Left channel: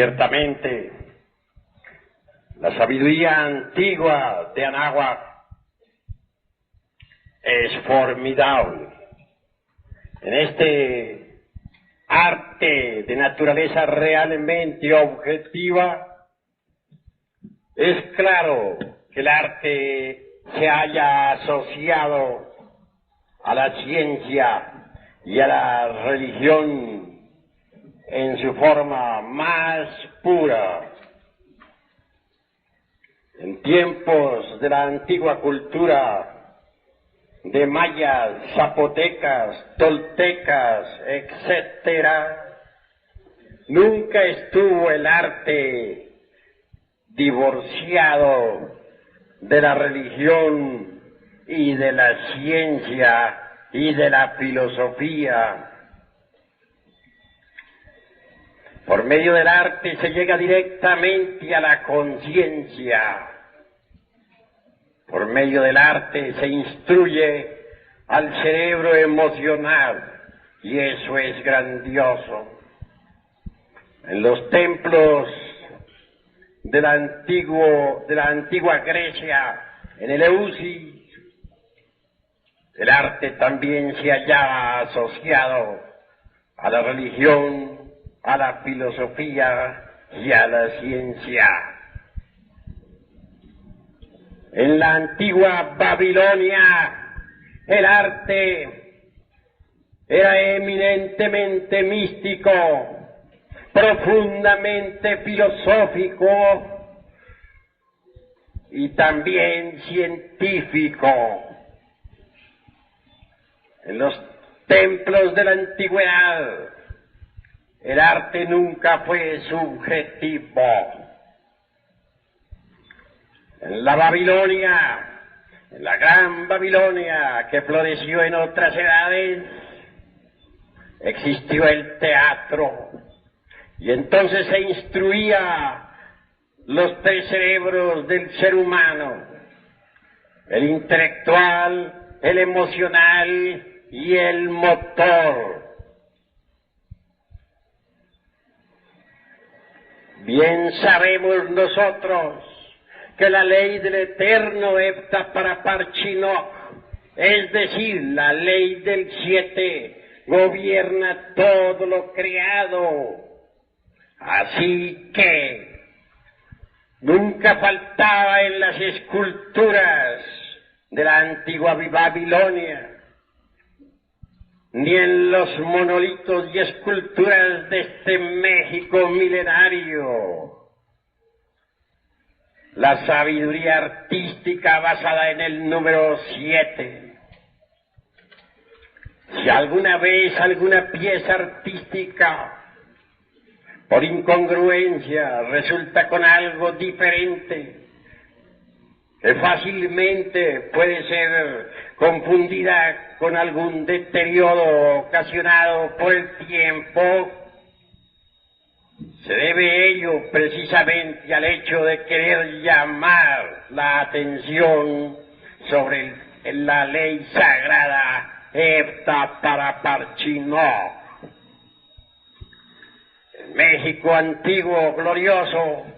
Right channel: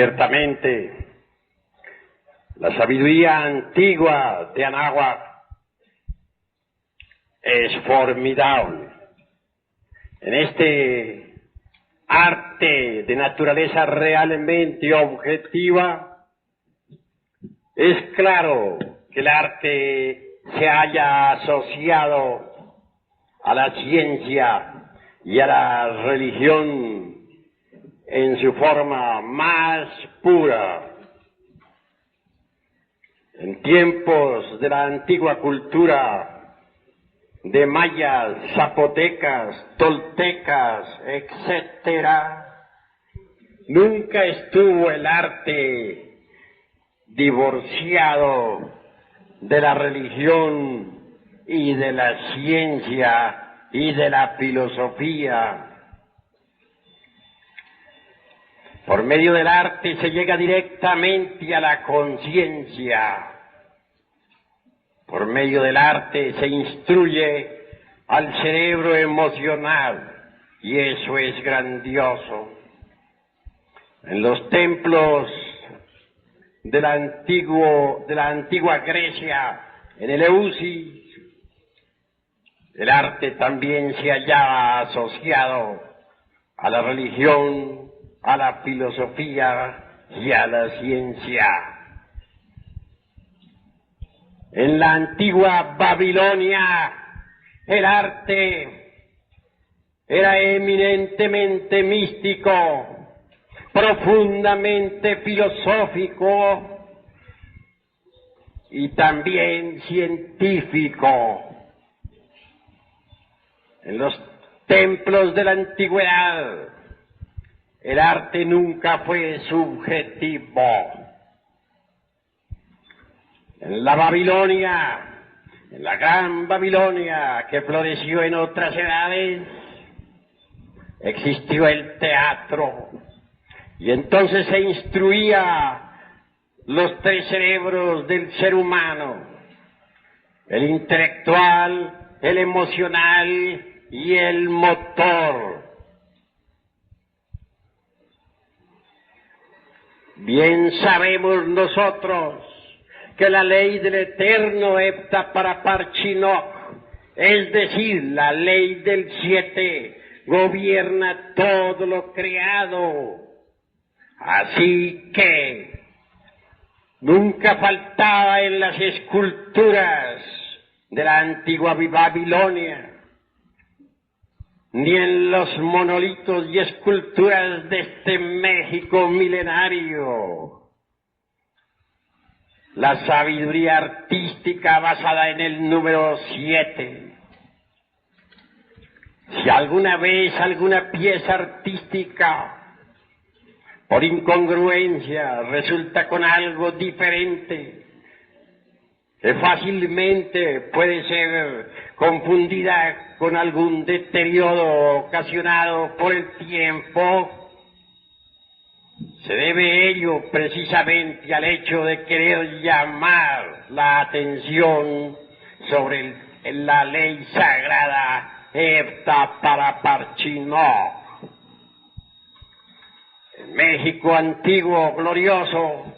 Ciertamente, la sabiduría antigua de Anáhuac es formidable. En este arte de naturaleza realmente objetiva, es claro que el arte se haya asociado a la ciencia y a la religión en su forma más pura. En tiempos de la antigua cultura de mayas, zapotecas, toltecas, etcétera, nunca estuvo el arte divorciado de la religión y de la ciencia y de la filosofía. Por medio del arte se llega directamente a la conciencia. Por medio del arte se instruye al cerebro emocional, y eso es grandioso. En los templos de la antigua Grecia, en el Eleusis, el arte también se hallaba asociado a la religión, a la filosofía y a la ciencia. En la antigua Babilonia, el arte era eminentemente místico, profundamente filosófico y también científico. En los templos de la antigüedad, el arte nunca fue subjetivo. En la Babilonia, en la gran Babilonia que floreció en otras edades, existió el teatro, y entonces se instruía los tres cerebros del ser humano: el intelectual, el emocional y el motor. Bien sabemos nosotros que la ley del eterno hepta para parchinoc, es decir, la ley del 7, gobierna todo lo creado. Así que nunca faltaba en las esculturas de la antigua Babilonia, ni en los monolitos y esculturas de este México milenario, la sabiduría artística basada en el número 7. Si alguna vez alguna pieza artística, por incongruencia, resulta con algo diferente, que fácilmente puede ser confundida con algún deterioro ocasionado por el tiempo, se debe ello precisamente al hecho de querer llamar la atención sobre la ley sagrada hepta para parchinoc. En México antiguo, glorioso,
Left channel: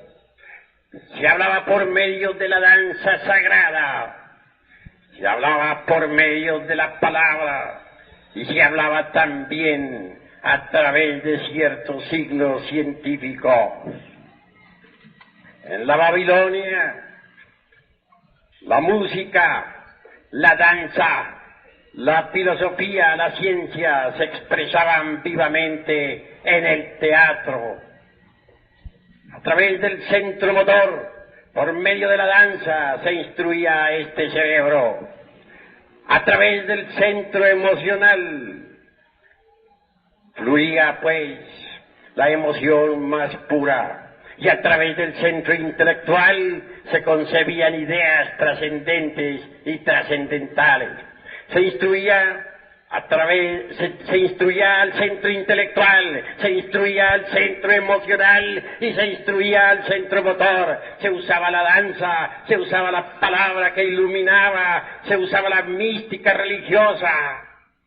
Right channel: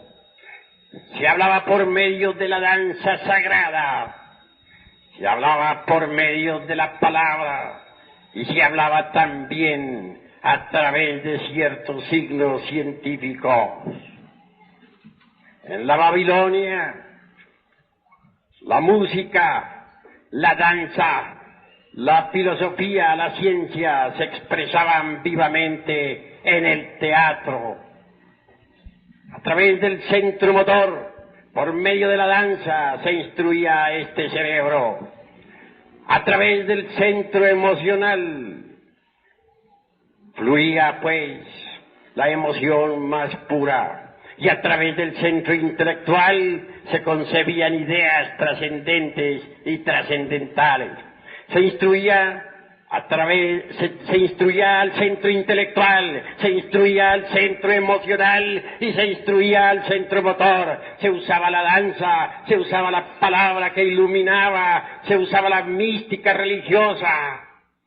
se hablaba por medio de la danza sagrada, se hablaba por medio de la palabra, y se hablaba también a través de ciertos signos científicos. En la Babilonia, la música, la danza, la filosofía, la ciencia se expresaban vivamente en el teatro. A través del centro motor, por medio de la danza, se instruía a este cerebro. A través del centro emocional, fluía pues la emoción más pura, y a través del centro intelectual se concebían ideas trascendentes y trascendentales. Se instruía al centro intelectual, se instruía al centro emocional y se instruía al centro motor. Se usaba la danza, se usaba la palabra que iluminaba, se usaba la mística religiosa.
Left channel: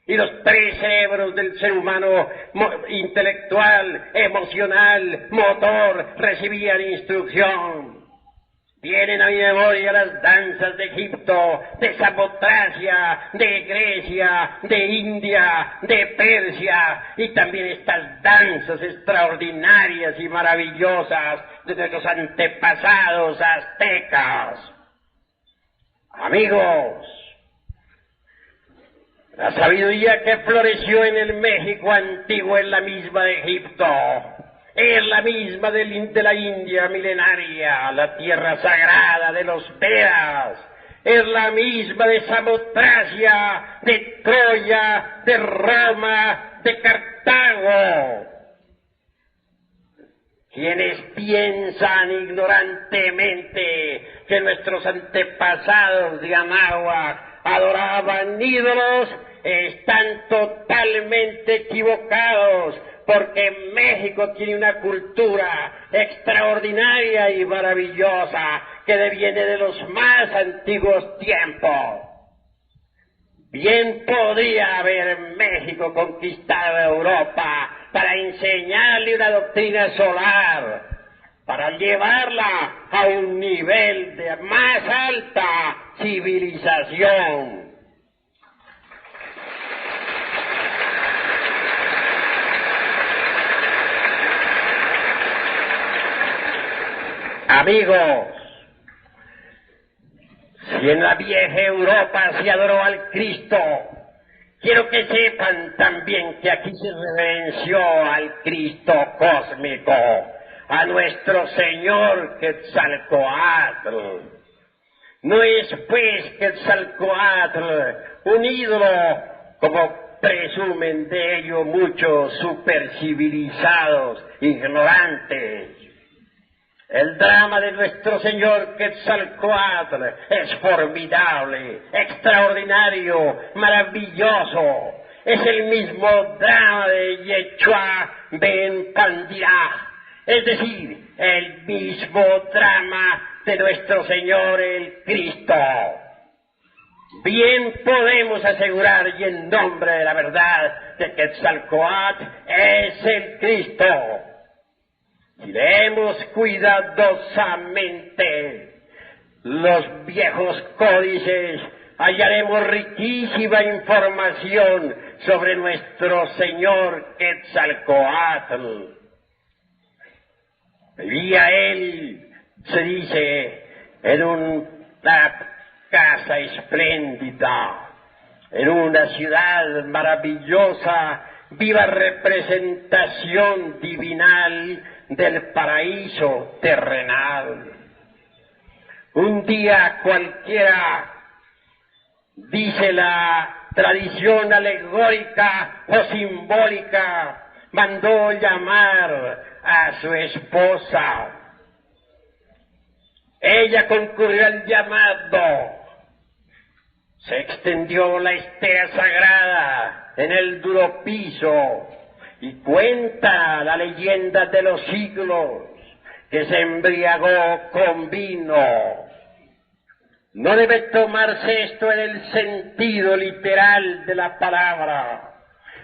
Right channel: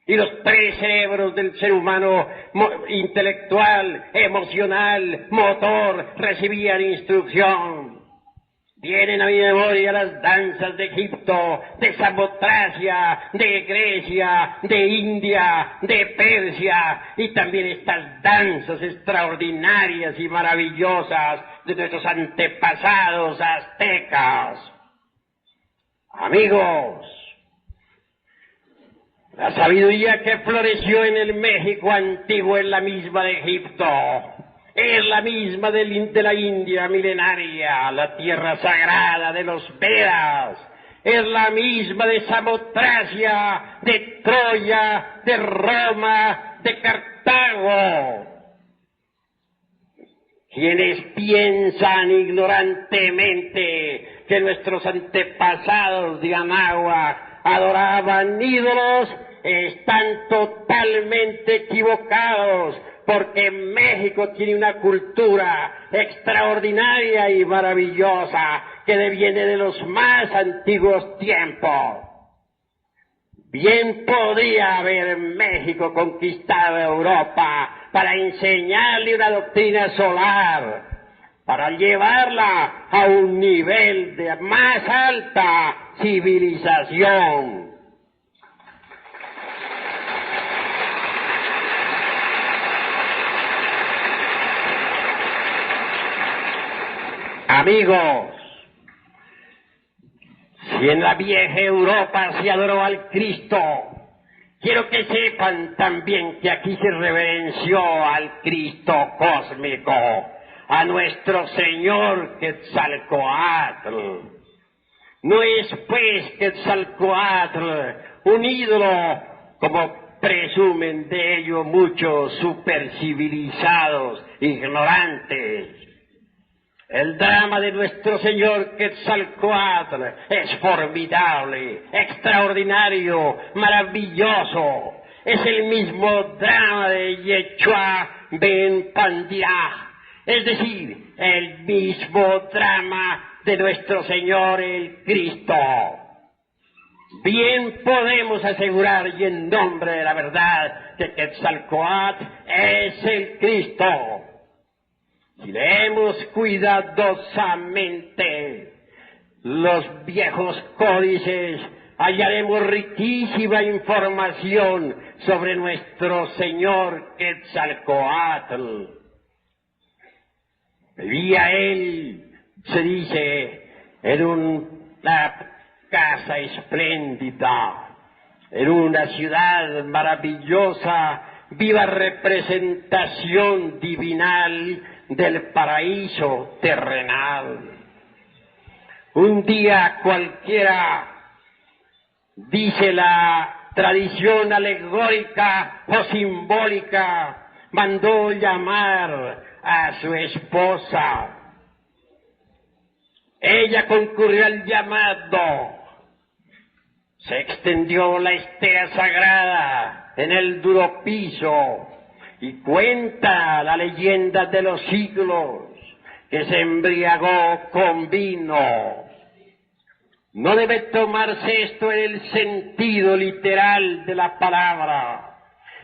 Y los tres cerebros del ser humano, intelectual, emocional, motor, recibían instrucción. Vienen a mi memoria las danzas de Egipto, de Samotracia, de Grecia, de India, de Persia, y también estas danzas extraordinarias y maravillosas de nuestros antepasados aztecas. Amigos, la sabiduría que floreció en el México antiguo es la misma de Egipto. Es la misma de la India milenaria, la tierra sagrada de los Vedas. Es la misma de Samotracia, de Troya, de Roma, de Cartago. Quienes piensan ignorantemente que nuestros antepasados de Anáhuac adoraban ídolos están totalmente equivocados, porque México tiene una cultura extraordinaria y maravillosa que deviene de los más antiguos tiempos. Bien podría haber México conquistado Europa para enseñarle una doctrina solar, para llevarla a un nivel de más alta civilización. Amigos, si en la vieja Europa se adoró al Cristo, quiero que sepan también que aquí se reverenció al Cristo cósmico, a nuestro Señor Quetzalcóatl. No es pues Quetzalcóatl un ídolo como presumen de ello muchos supercivilizados, ignorantes. El drama de nuestro Señor Quetzalcóatl es formidable, extraordinario, maravilloso. Es el mismo drama de Yeshua Ben Pandiah, es decir, el mismo drama de nuestro Señor el Cristo. Bien podemos asegurar, y en nombre de la verdad, que Quetzalcóatl es el Cristo. Si leemos cuidadosamente los viejos códices, hallaremos riquísima información sobre nuestro Señor Quetzalcóatl. Vivía él, se dice, en una casa espléndida, en una ciudad maravillosa, viva representación divinal del paraíso terrenal. Un día cualquiera, dice la tradición alegórica o simbólica, mandó llamar a su esposa. Ella concurrió al llamado. Se extendió la estera sagrada en el duro piso y cuenta la leyenda de los siglos que se embriagó con vino. No debe tomarse esto en el sentido literal de la palabra.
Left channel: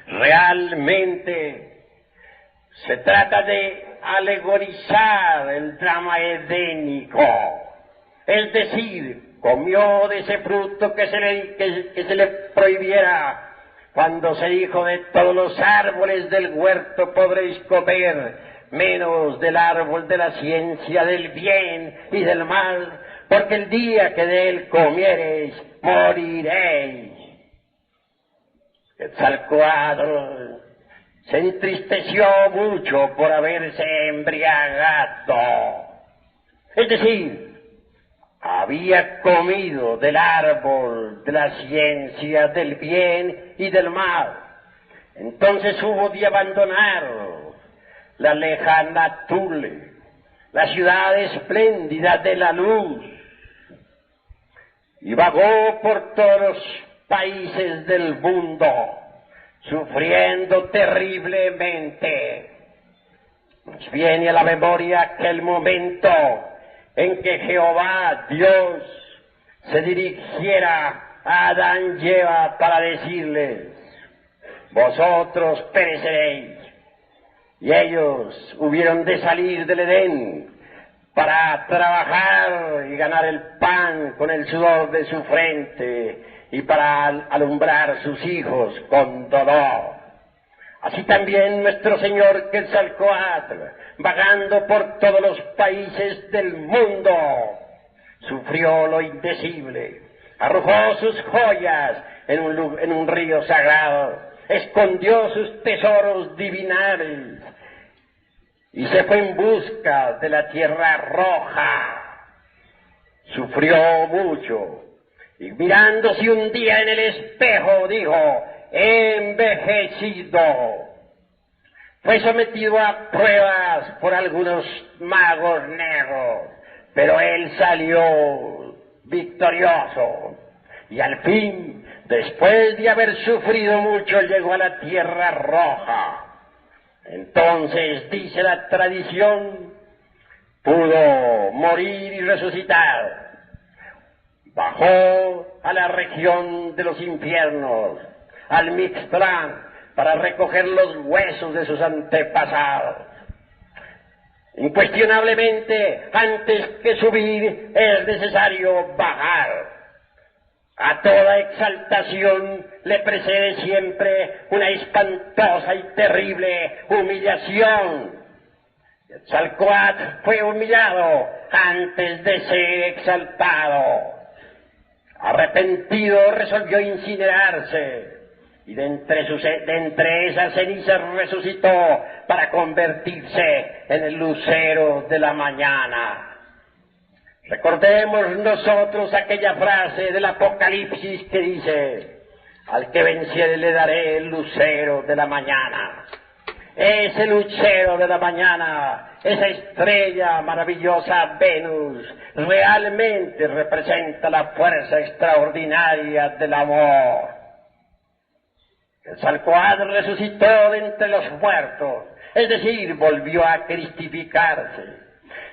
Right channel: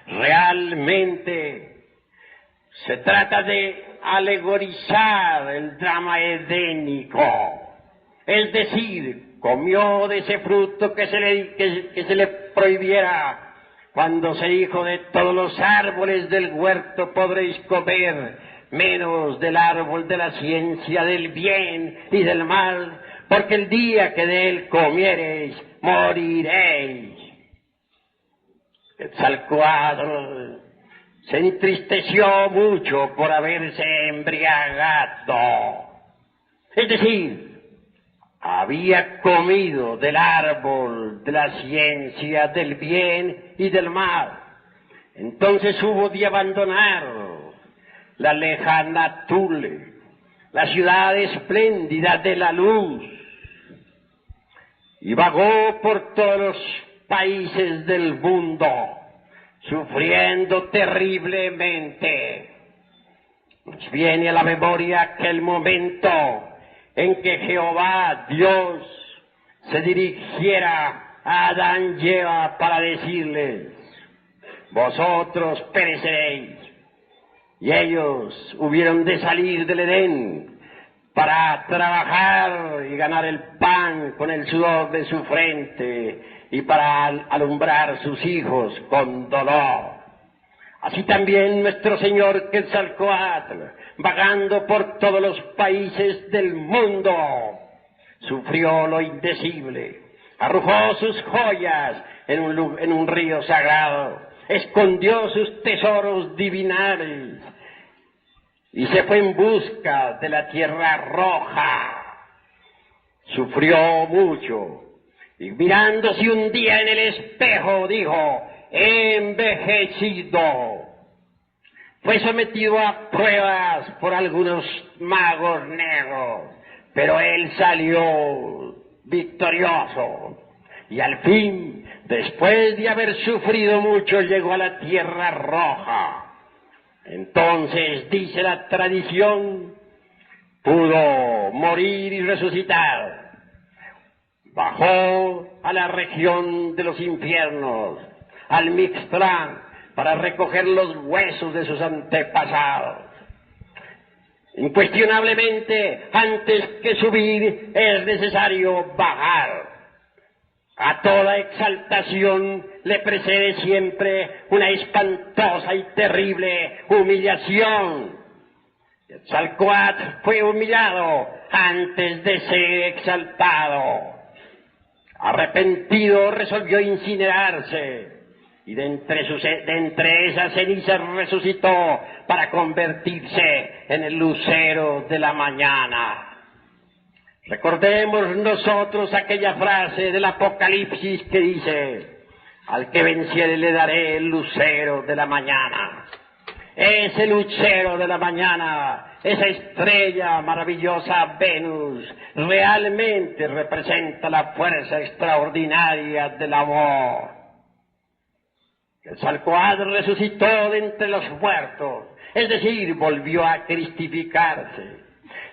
Realmente se trata de alegorizar el drama edénico, es decir, comió de ese fruto que se le prohibiera, cuando se dijo: de todos los árboles del huerto podréis comer, menos del árbol de la ciencia del bien y del mal, porque el día que de él comiereis, moriréis. Quetzalcóatl se entristeció mucho por haberse embriagado. Es decir, había comido del árbol de la ciencia del bien y del mal. Entonces hubo de abandonar la lejana Tule, la ciudad espléndida de la luz, y vagó por todos los países del mundo, sufriendo terriblemente. Nos viene a la memoria aquel momento en que Jehová Dios se dirigiera a Adán y Eva para decirles: vosotros pereceréis. Y ellos hubieron de salir del Edén para trabajar y ganar el pan con el sudor de su frente y para alumbrar sus hijos con dolor. Así también nuestro Señor Quetzalcóatl, vagando por todos los países del mundo, sufrió lo indecible, arrojó sus joyas en un río sagrado, escondió sus tesoros divinales y se fue en busca de la tierra roja. Sufrió mucho y mirándose un día en el espejo dijo: he envejecido. Fue sometido a pruebas por algunos magos negros, pero él salió victorioso. Y al fin, después de haber sufrido mucho, llegó a la tierra roja. Entonces, dice la tradición, pudo morir y resucitar. Bajó a la región de los infiernos, al Mixtlán, para recoger los huesos de sus antepasados. Incuestionablemente, antes que subir, es necesario bajar. A toda exaltación le precede siempre una espantosa y terrible humillación. Quetzalcóatl fue humillado antes de ser exaltado. Arrepentido, resolvió incinerarse, y de entre esas cenizas resucitó para convertirse en el lucero de la mañana. Recordemos nosotros aquella frase del Apocalipsis que dice: al que venciere le daré el lucero de la mañana. Ese lucero de la mañana, esa estrella maravillosa Venus, realmente representa la fuerza extraordinaria del amor. Quetzalcóatl resucitó de entre los muertos, es decir, volvió a cristificarse.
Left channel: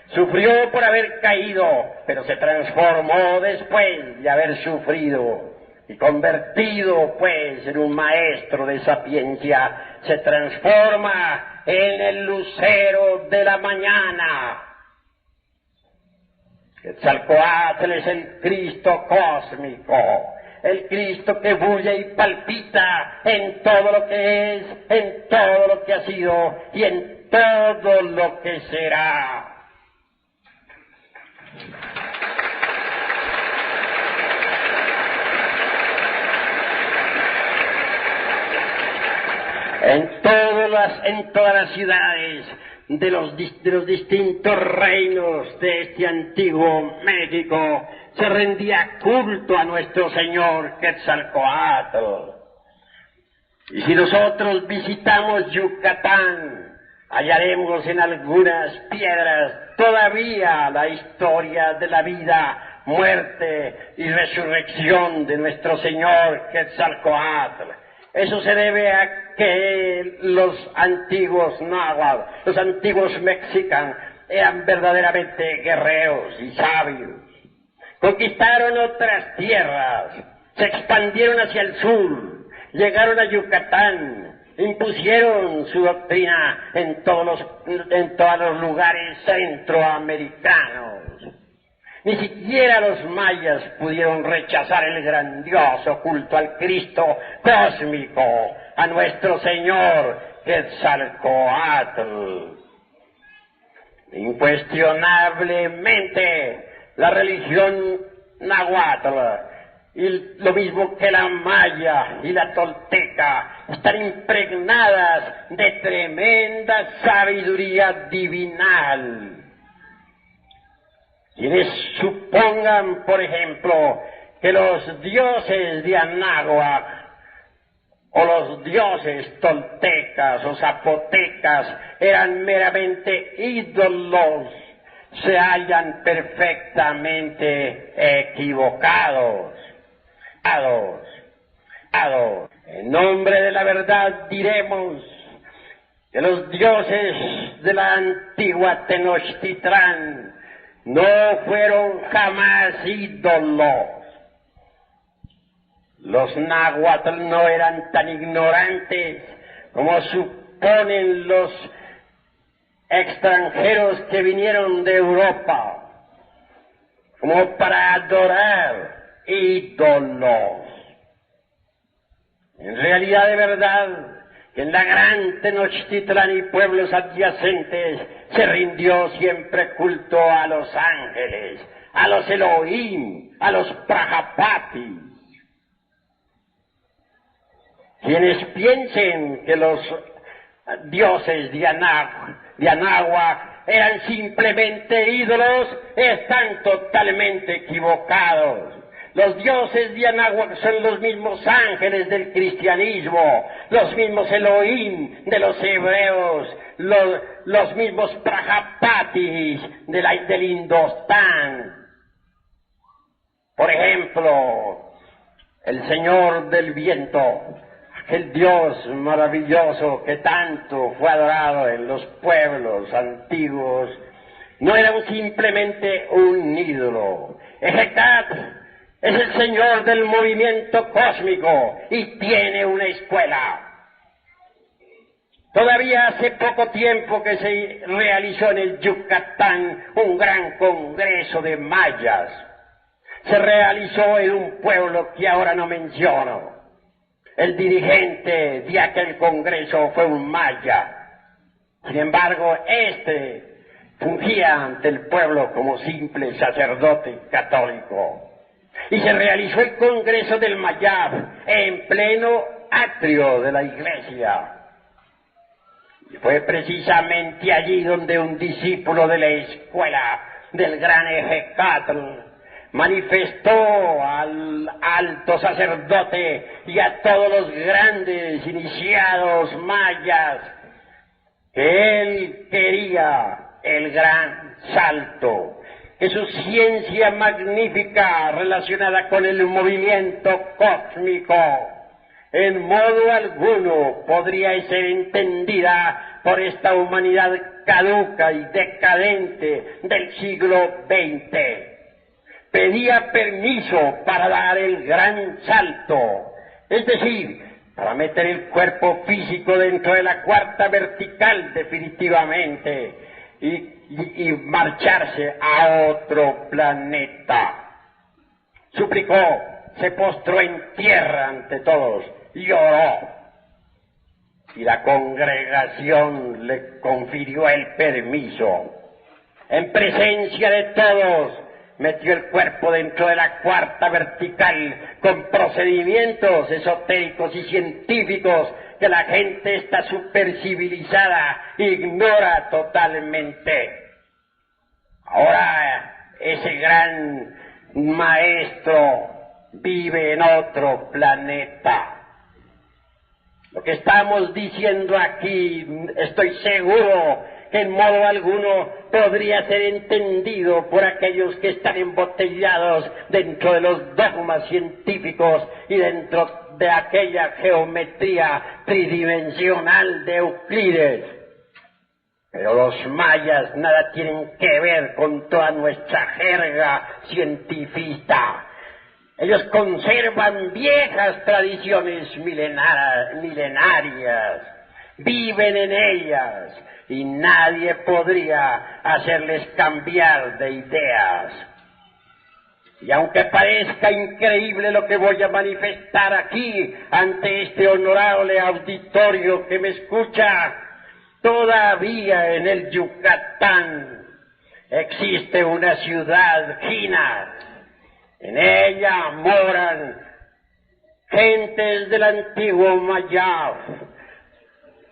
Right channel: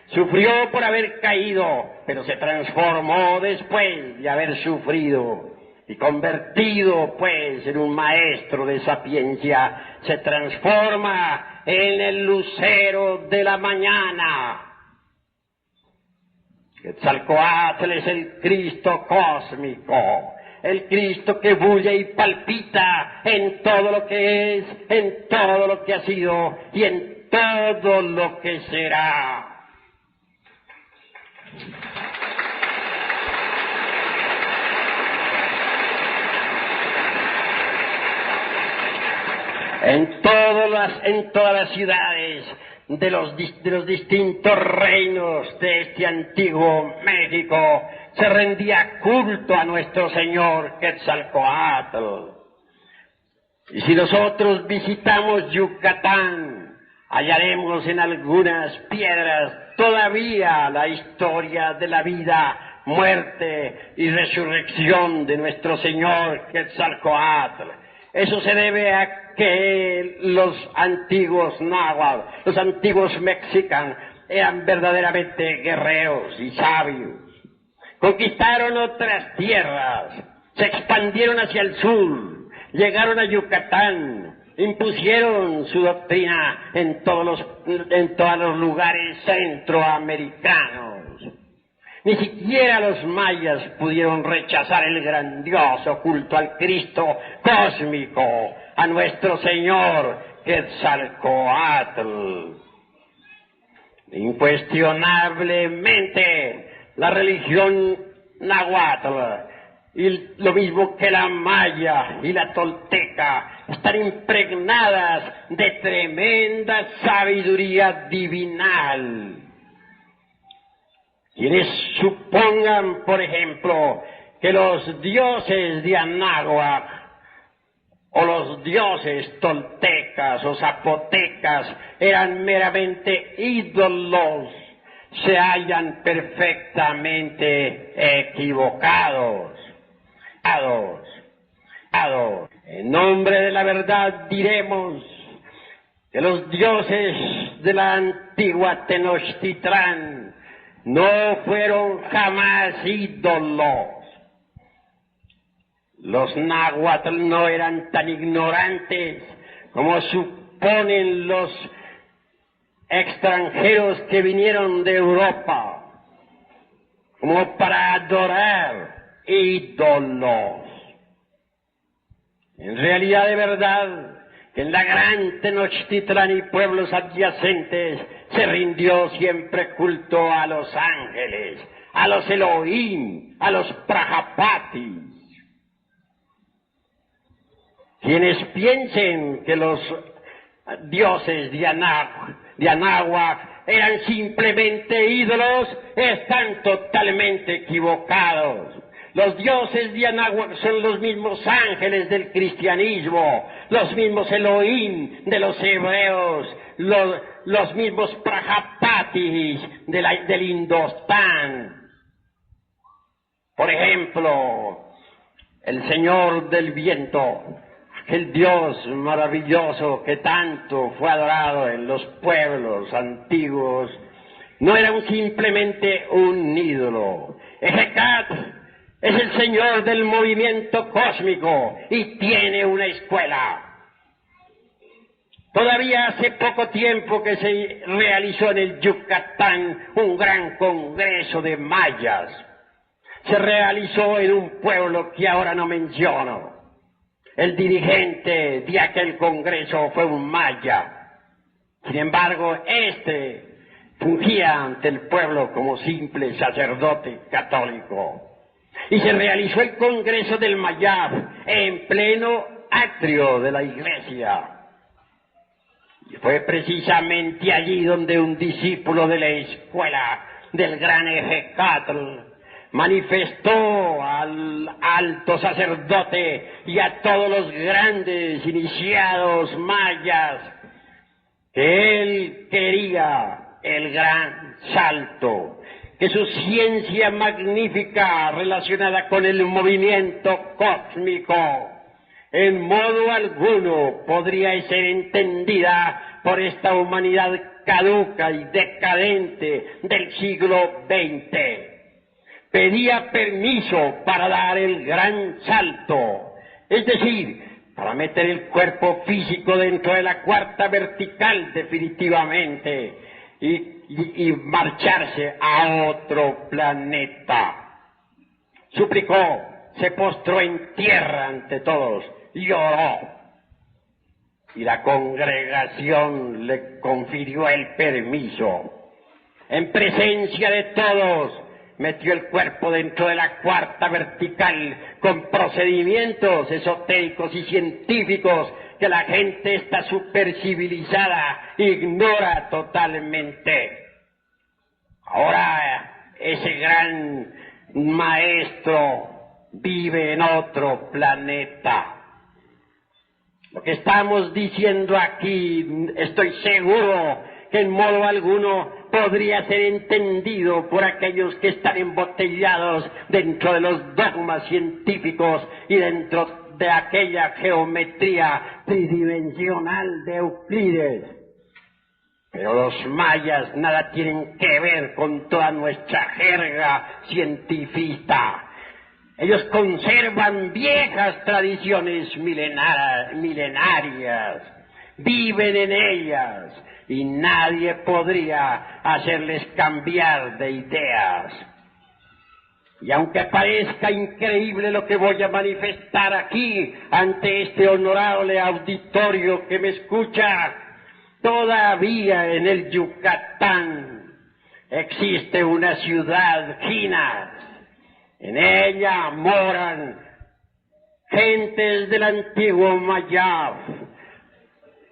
Sufrió por haber caído, pero se transformó después de haber sufrido. Y convertido, pues, en un maestro de sapiencia, se transforma en el lucero de la mañana. Quetzalcóatl es el Cristo cósmico, el Cristo que bulle y palpita en todo lo que es, en todo lo que ha sido y en todo lo que será. En todas las ciudades de los distintos reinos de este antiguo México se rendía culto a nuestro Señor Quetzalcóatl. Y si nosotros visitamos Yucatán, hallaremos en algunas piedras todavía la historia de la vida, muerte y resurrección de nuestro Señor Quetzalcóatl. Eso se debe a que los antiguos náhuatl, los antiguos mexicanos, eran verdaderamente guerreros y sabios. Conquistaron otras tierras, se expandieron hacia el sur, llegaron a Yucatán, impusieron su doctrina en todos los lugares centroamericanos. Ni siquiera los mayas pudieron rechazar el grandioso culto al Cristo cósmico, a nuestro Señor Quetzalcóatl. Incuestionablemente, la religión náhuatl, y lo mismo que la maya y la tolteca, están impregnadas de tremenda sabiduría divinal. Quienes supongan, por ejemplo, que los dioses de Anáhuac o los dioses toltecas o zapotecas eran meramente ídolos, se hallan perfectamente equivocados. En nombre de la verdad diremos que los dioses de la antigua Tenochtitlán no fueron jamás ídolos. Los náhuatl no eran tan ignorantes como suponen los extranjeros que vinieron de Europa, como para adorar ídolos. En realidad, de verdad, que en la gran Tenochtitlán y pueblos adyacentes se rindió siempre culto a los ángeles, a los Elohim, a los Prajapatis. Quienes piensen que los dioses de Anáhuac eran simplemente ídolos están totalmente equivocados. Los dioses de Anáhuac son los mismos ángeles del cristianismo, los mismos Elohim de los hebreos, los mismos Prajapatis del Indostán. Por ejemplo, el Señor del Viento, aquel Dios maravilloso que tanto fue adorado en los pueblos antiguos, no era simplemente un ídolo. Hecatl es el Señor del movimiento cósmico y tiene una escuela. Todavía hace poco tiempo que se realizó en el Yucatán un gran congreso de mayas. Se realizó en un pueblo que ahora no menciono. El dirigente de aquel congreso fue un maya. Sin embargo, fungía ante el pueblo como simple sacerdote católico. Y se realizó el congreso del Mayab en pleno atrio de la iglesia. Y fue precisamente allí donde un discípulo de la escuela del gran Hecatl manifestó al alto sacerdote y a todos los grandes iniciados mayas que él quería el gran salto, que su ciencia magnífica relacionada con el movimiento cósmico en modo alguno podría ser entendida por esta humanidad caduca y decadente del siglo XX. Pedía permiso para dar el gran salto, es decir, para meter el cuerpo físico dentro de la cuarta vertical definitivamente y marcharse a otro planeta. Suplicó, se postró en tierra ante todos y oró. Y la congregación le confirió el permiso. En presencia de todos, metió el cuerpo dentro de la cuarta vertical con procedimientos esotéricos y científicos que la gente está supercivilizada ignora totalmente. Ahora ese gran maestro vive en otro planeta. Lo que estamos diciendo aquí, estoy seguro que en modo alguno podría ser entendido por aquellos que están embotellados dentro de los dogmas científicos y dentro de aquella geometría tridimensional de Euclides. Pero los mayas nada tienen que ver con toda nuestra jerga científica. Ellos conservan viejas tradiciones milenarias, viven en ellas y nadie podría hacerles cambiar de ideas. Y aunque parezca increíble lo que voy a manifestar aquí ante este honorable auditorio que me escucha, todavía en el Yucatán existe una ciudad Jinas. En ella moran gentes del antiguo Mayab.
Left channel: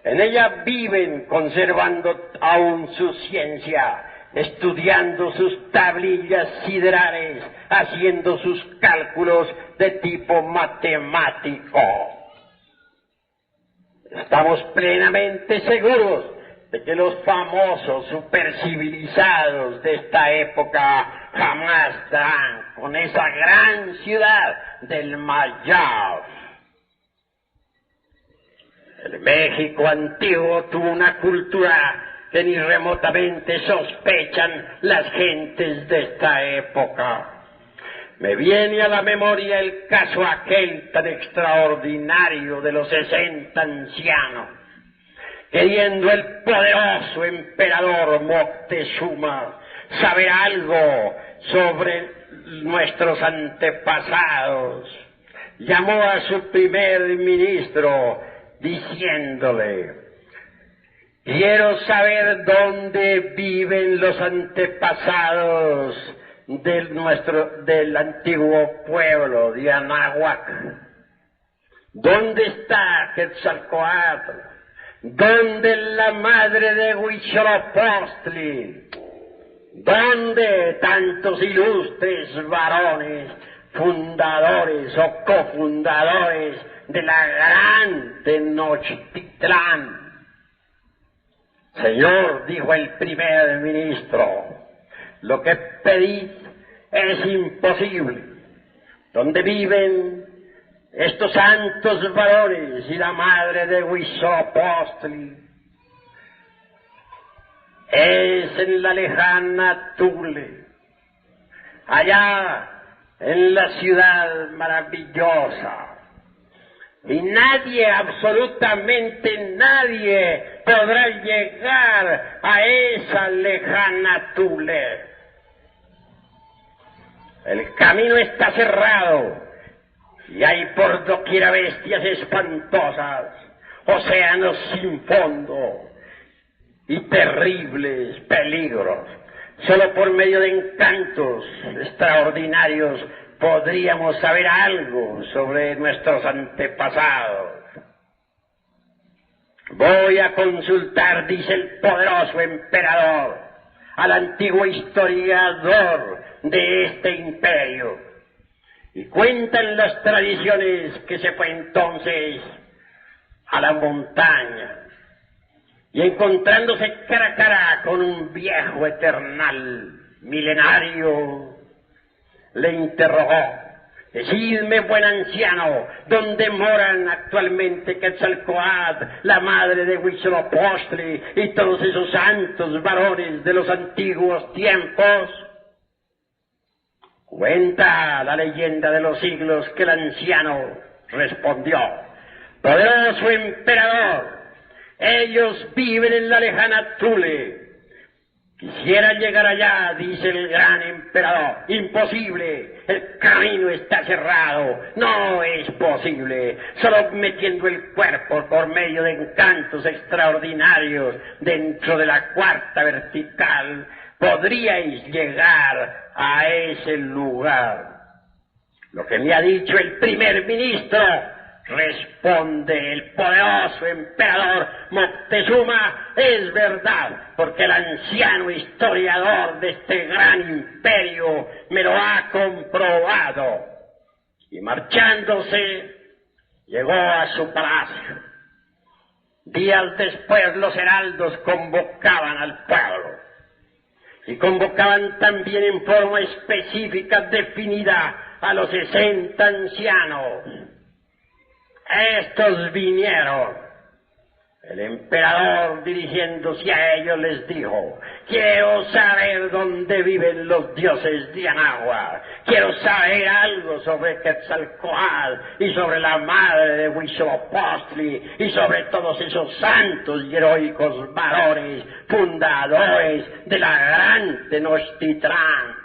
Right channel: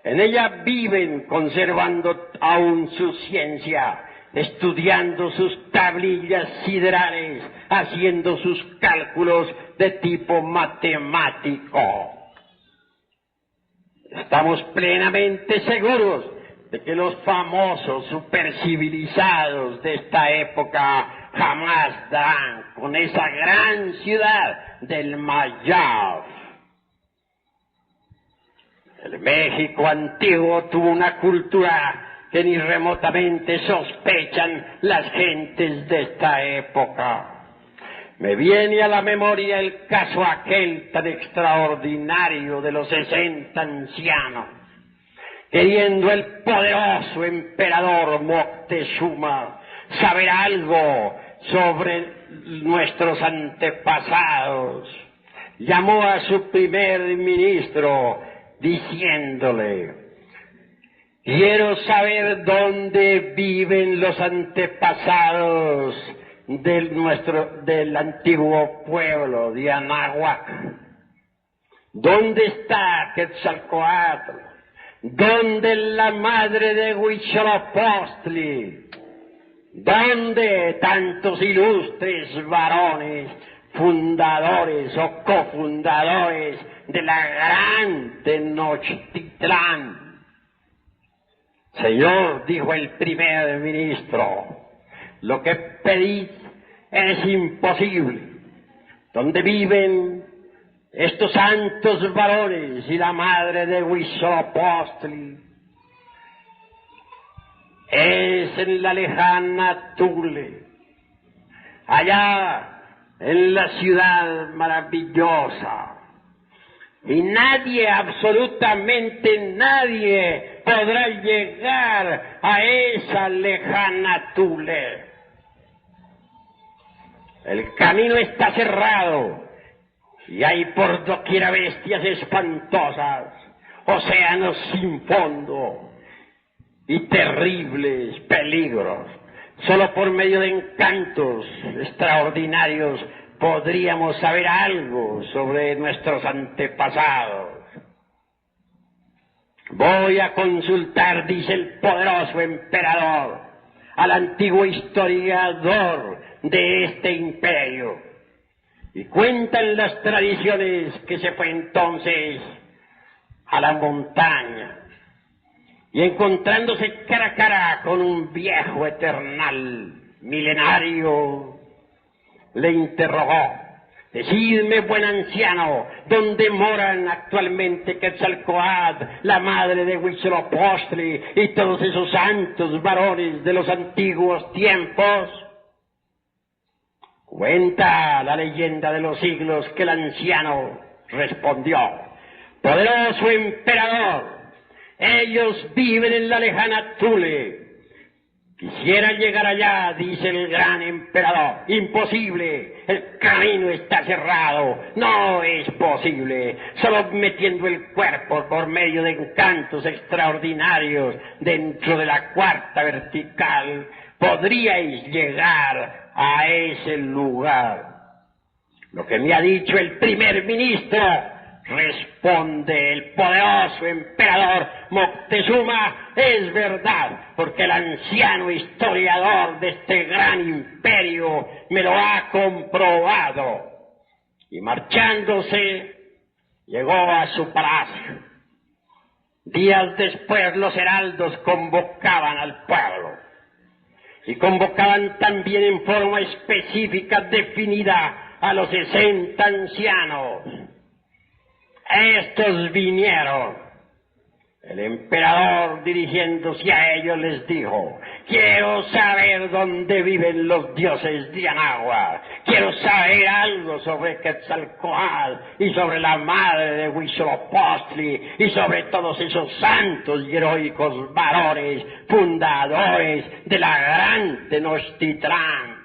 En ella viven conservando aún su ciencia, estudiando sus tablillas siderales, haciendo sus cálculos de tipo matemático. Estamos plenamente seguros de que los famosos supercivilizados de esta época jamás darán con esa gran ciudad del Mayab. El México antiguo tuvo una cultura que ni remotamente sospechan las gentes de esta época. Me viene a la memoria el caso aquel tan extraordinario de los 60 ancianos, queriendo el poderoso emperador Moctezuma saber algo sobre nuestros antepasados. Llamó a su primer ministro diciéndole: quiero saber dónde viven los antepasados del antiguo pueblo de Anáhuac. ¿Dónde está Quetzalcóatl? ¿Dónde la madre de Huitzilopochtli? ¿Dónde tantos ilustres varones, fundadores o cofundadores de la gran Tenochtitlán? Señor, dijo el primer ministro, lo que pedí es imposible. ¿Dónde viven estos santos varones y la madre de Huitzilopochtli? Es en la lejana Tule, allá en la ciudad maravillosa. Y nadie, absolutamente nadie, podrá llegar a esa lejana Tule. El camino está cerrado y hay por doquiera bestias espantosas, océanos sin fondo y terribles peligros. Solo por medio de encantos extraordinarios podríamos saber algo sobre nuestros antepasados. Voy a consultar, dice el poderoso emperador, al antiguo historiador de este imperio. Y cuentan las tradiciones que se fue entonces a la montaña y encontrándose cara a cara con un viejo eternal milenario, le interrogó: decidme, buen anciano, ¿dónde moran actualmente Quetzalcóatl, la madre de Huitzilopochtli y todos esos santos varones de los antiguos tiempos? Cuenta la leyenda de los siglos que el anciano respondió: poderoso emperador, ellos viven en la lejana Tule. Quisiera llegar allá, dice el gran emperador. Imposible, el camino está cerrado, no es posible. Solo metiendo el cuerpo por medio de encantos extraordinarios dentro de la cuarta vertical podríais llegar a ese lugar. Lo que me ha dicho el primer ministro, responde el poderoso emperador Moctezuma, es verdad, porque el anciano historiador de este gran imperio me lo ha comprobado. Y marchándose, llegó a su palacio. Días después los heraldos convocaban al pueblo y convocaban también en forma específica definida a los 60 ancianos. Estos vinieron. El emperador, dirigiéndose a ellos, les dijo: quiero saber dónde viven los dioses de Anáhuac. Quiero saber algo sobre Quetzalcóatl y sobre la madre de Huitzilopochtli y sobre todos esos santos y heroicos varones fundadores de la gran Tenochtitlán.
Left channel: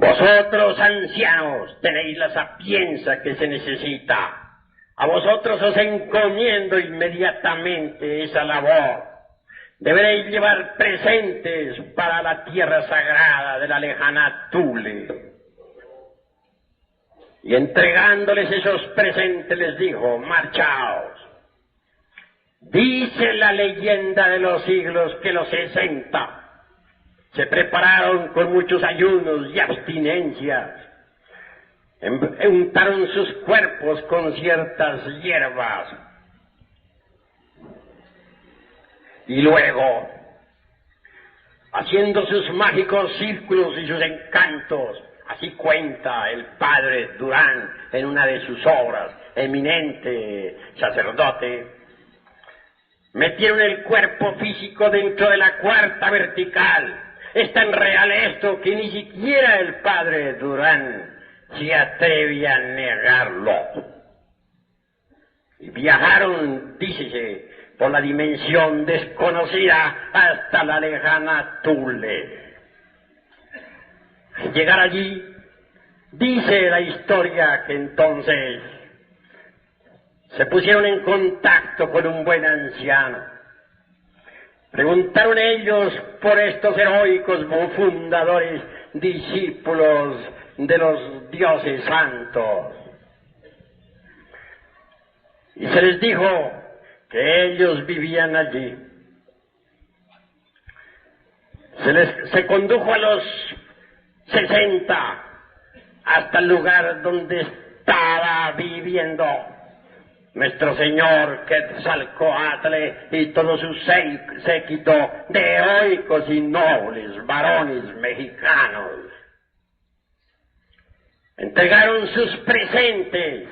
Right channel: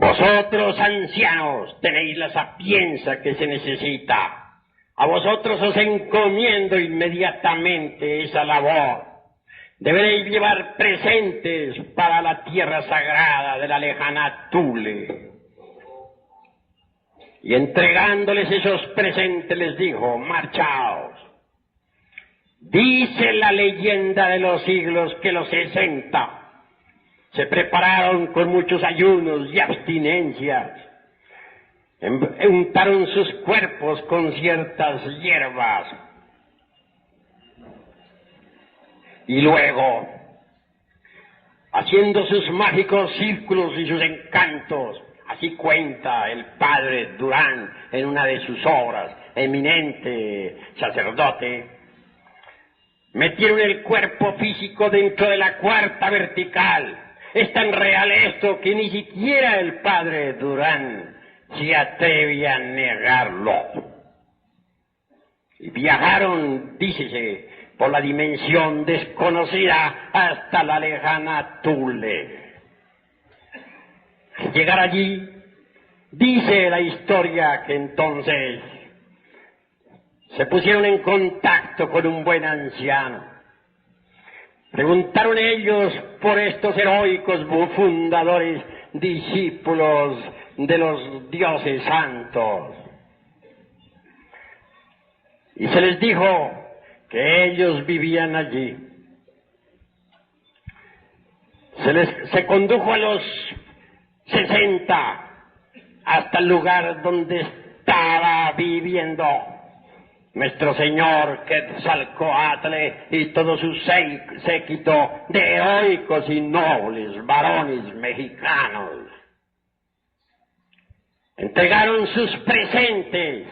Vosotros, ancianos, tenéis la sapiencia que se necesita. A vosotros os encomiendo inmediatamente esa labor. Deberéis llevar presentes para la tierra sagrada de la lejana Tule. Y entregándoles esos presentes les dijo: marchaos. Dice la leyenda de los siglos que los 60 se prepararon con muchos ayunos y abstinencias, untaron sus cuerpos con ciertas hierbas y luego, haciendo sus mágicos círculos y sus encantos, así cuenta el padre Durán en una de sus obras, eminente sacerdote, metieron el cuerpo físico dentro de la cuarta vertical. Es tan real esto que ni siquiera el padre Durán se atreve a negarlo. Y viajaron, dícese, por la dimensión desconocida hasta la lejana Tule. Al llegar allí, dice la historia que entonces se pusieron en contacto con un buen anciano. Preguntaron ellos por estos heroicos fundadores, discípulos de los dioses santos. Y se les dijo que ellos vivían allí. Se condujo a los 60 hasta el lugar donde estaba viviendo nuestro señor Quetzalcóatl y todo su séquito de heroicos y nobles varones mexicanos. Entregaron sus presentes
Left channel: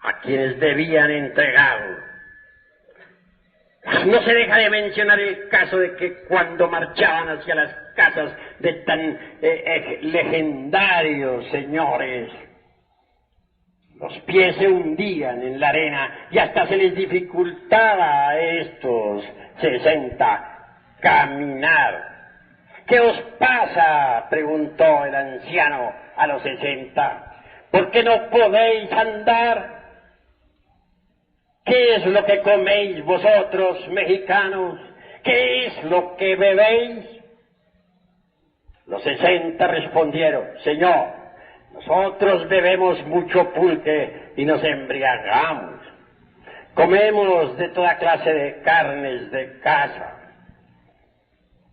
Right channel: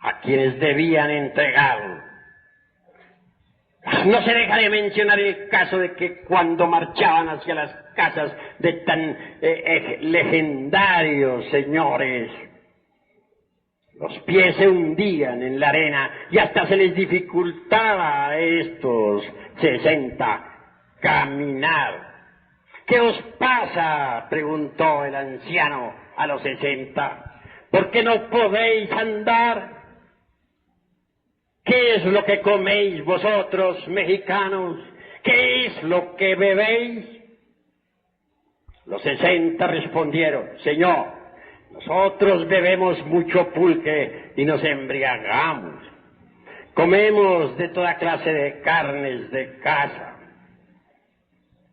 a quienes debían entregarlo. No se deja de mencionar el caso de que cuando marchaban hacia las casas de tan legendarios señores, los pies se hundían en la arena y hasta se les dificultaba a estos 60 caminar. ¿Qué os pasa?, preguntó el anciano a los 60. ¿Por qué no podéis andar? ¿Qué es lo que coméis vosotros, mexicanos? ¿Qué es lo que bebéis? Los 60 respondieron: Señor, nosotros bebemos mucho pulque y nos embriagamos. Comemos de toda clase de carnes de caza.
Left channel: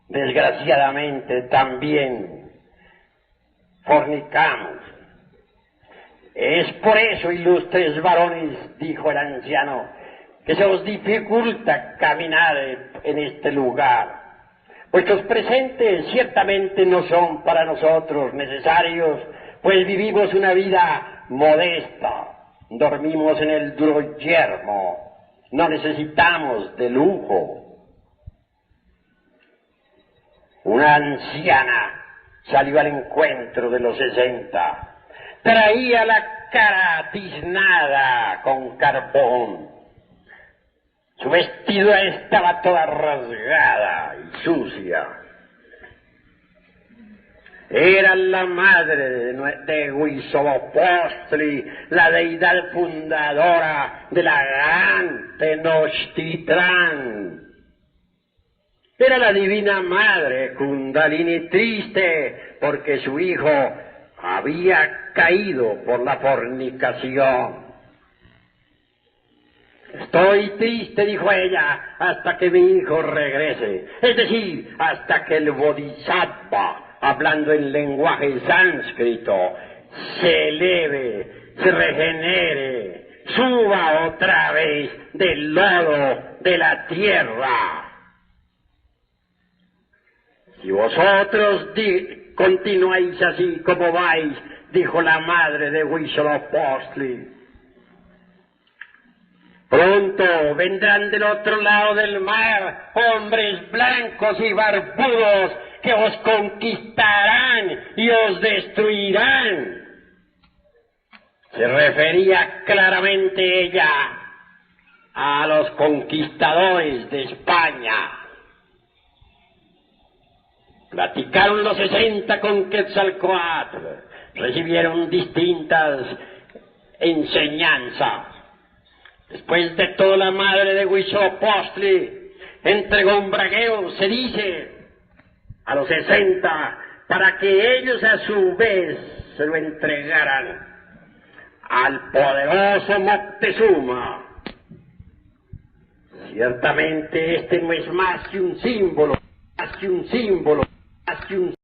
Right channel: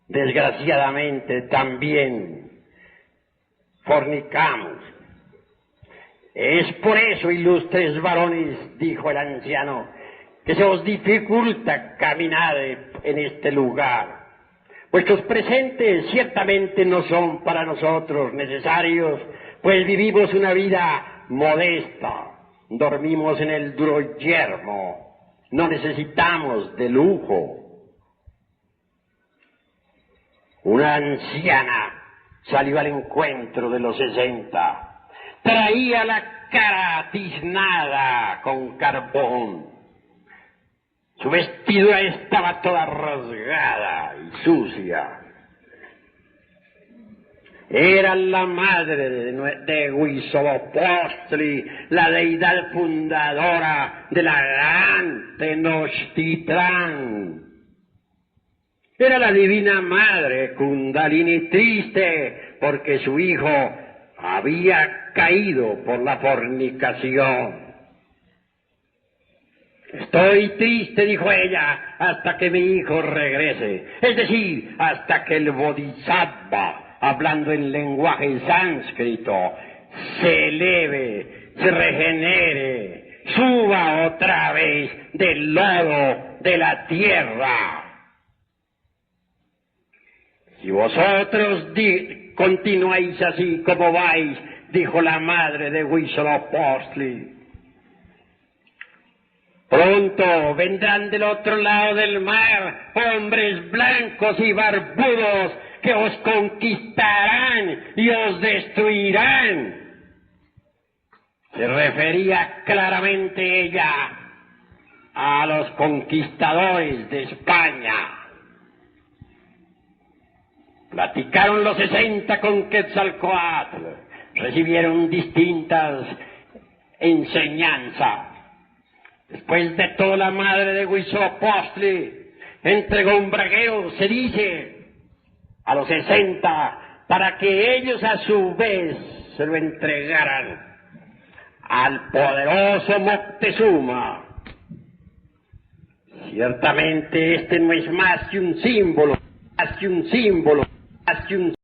Desgraciadamente también fornicamos. Es por eso, ilustres varones, dijo el anciano, que se os dificulta caminar en este lugar. Vuestros presentes ciertamente no son para nosotros necesarios, pues vivimos una vida modesta, dormimos en el duro yermo, no necesitamos de lujo. Una anciana salió al encuentro de los 60. Traía la cara tiznada con carbón. Su vestido estaba toda rasgada y sucia. Era la madre de Huitzilopochtli, la deidad fundadora de la gran Tenochtitlán. Era la divina madre Kundalini, triste porque su hijo había caído por la fornicación. Estoy triste, dijo ella, hasta que mi hijo regrese, es decir, hasta que el Bodhisattva, hablando en lenguaje sánscrito, se eleve, se regenere, suba otra vez del lodo de la tierra. Si vosotros continuáis así como vais, dijo la madre de Huitzilopochtli, pronto vendrán del otro lado del mar hombres blancos y barbudos que os conquistarán y os destruirán. Se refería claramente ella a los conquistadores de España. Platicaron los 60 con Quetzalcóatl, recibieron distintas enseñanzas. Después de todo, la madre de Huitzilopochtli entregó un bragueo, se dice, a los 60, para que ellos a su vez se lo entregaran al poderoso Moctezuma. Ciertamente este no es más que un símbolo, más que un